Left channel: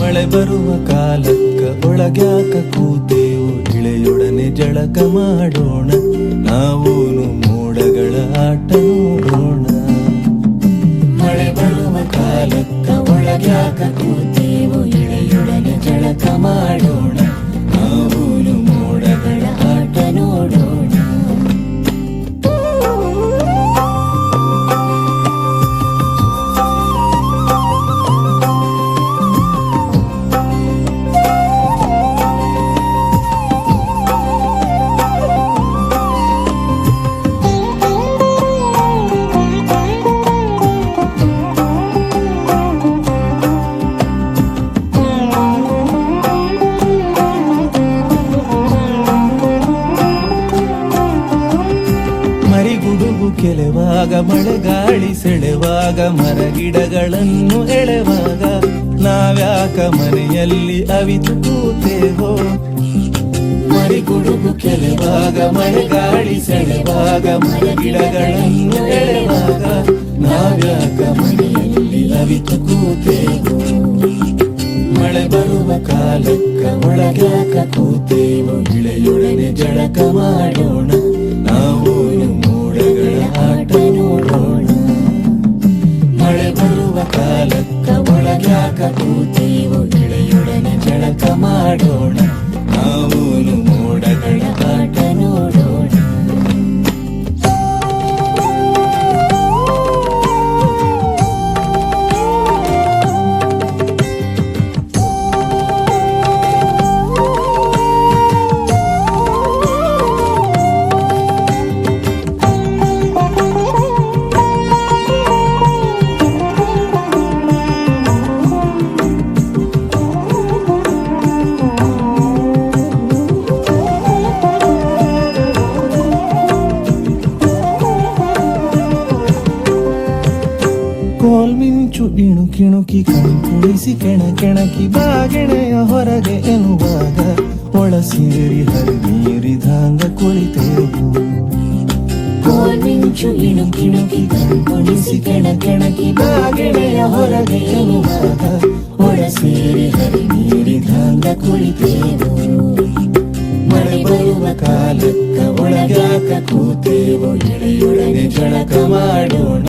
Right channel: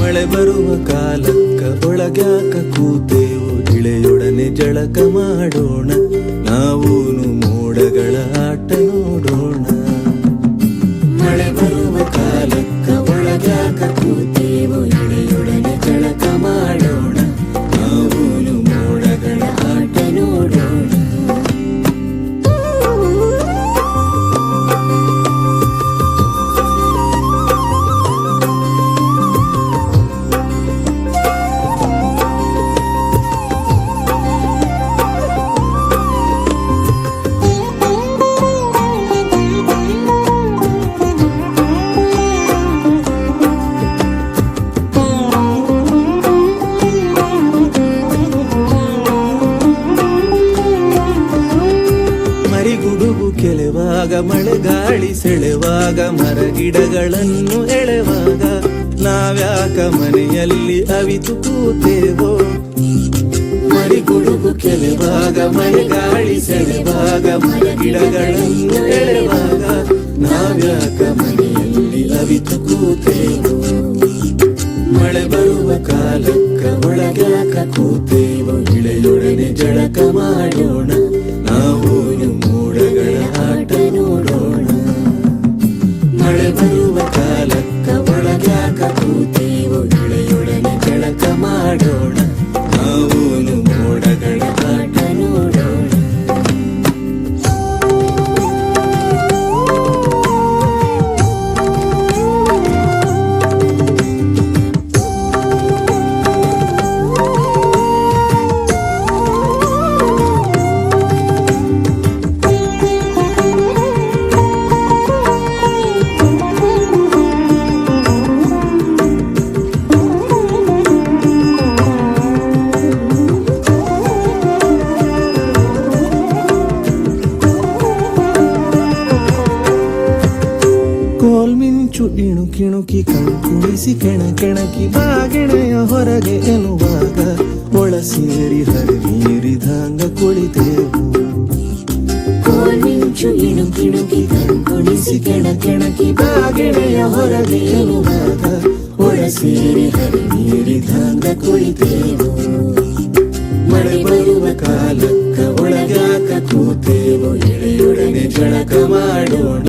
ಮಳೆ ಬರುವ ಕಾಲಕ್ಕ ಒಳಗ್ಯಾಕ ಕೂತೇವು, ಇಳೆಯೊಡನೆ ಜಳಕ ಮಾಡೋಣ, ನಾವೂನು ಮೋಡಗಳ ಆಟ ನೋಡೋಣ. ಮಳೆ ಬರುವ ಕಾಲಕ್ಕ ಒಳಗ್ಯಾಕ ಕೂತೇವು, ಇಳೆಯೊಡನೆ ಜಳಕ ಮಾಡೋಣ, ನಾವೂನು ಮೋಡಗಳ ಆಟ ನೋಡೋಣ. ಮರಿಗುಡುಗು ಕೆಲೆವಾಗ, ಮಳೆಗಾಳಿ ಸೆಳೆವಾಗ, ಮರಗಿಡಗಳನ್ನು ಎಳೆವಾಗ, ನಾವ್ಯಾಕ ಮನೆಯಲ್ಲಿ ಅವಿತು ಕೂತೇವೋ. ಮರಿಗುಡುಗು ಕೆಲೆವಾಗ, ಮಳೆಗಾಳಿ ಸೆಳೆವಾಗ, ಮರಗಿಡಗಳನ್ನು ಎಳೆವಾಗ, ನಾವ್ಯಾಕ ಮನೆಯಲ್ಲಿ ಅವಿತು ಕೂತೇವೋ. ಮಳೆ ಬರುವ ಕಾಲಕ್ಕ ಒಳಗ್ಯಾಕ ಕೂತೇವೋ, ಇಳೆಯೊಡನೆ ಜಳಕ ಮಾಡೋಣ, ನಾವೂನು ಮೋಡಗಳ ಆಟ ನೋಡೋಣ. ಮಳೆ ಬರುವ ಕಾಲಕ್ಕ ಒಳಗ್ಯಾಕ ಕೂತೇವೋ, ಇಳೆಯೊಡನೆ ಜಳಕ ಮಾಡೋಣ, ನಾವೂನು ಮೋಡಗಳ ಆಟ ನೋಡೋಣ. ಕೋಲ್ಮಿಂಚು ಇಣುಕಿಣುಕಿ ಕಣ್ಕುಣಿಸಿ ಕೆಣಕೆಣಕಿ ಬಾಗೆಣೆಯ ಹೊರಗೆ ಎನ್ನುವಾಗ, ಒಳ ಸೇರಿ ಹರಿಮೀರಿದಂಗ ಕುಳಿತೇವು. ಕೋಲ್ಮಿಂಚು ಇಣುಕಿಣುಕಿ ಕಣ್ಕುಣಿಸಿ ಕೆಣಕೆಣಕಿ ಬಾಗೆಣೆಯ ಹೊರಗೆ ಎನ್ನುವಾಗ, ಒಳ ಸೇರಿ ಹರಿಮೀರಿದಂಗ ಕುಳಿತೇವು. ಮಳೆ ಬರುವ ಕಾಲಕ್ಕ ಒಳಗ್ಯಾಕ ಕೂತೇವೋ, ಇಳೆಯೊಡನೆ ಜಳಕ ಮಾಡೋಣ.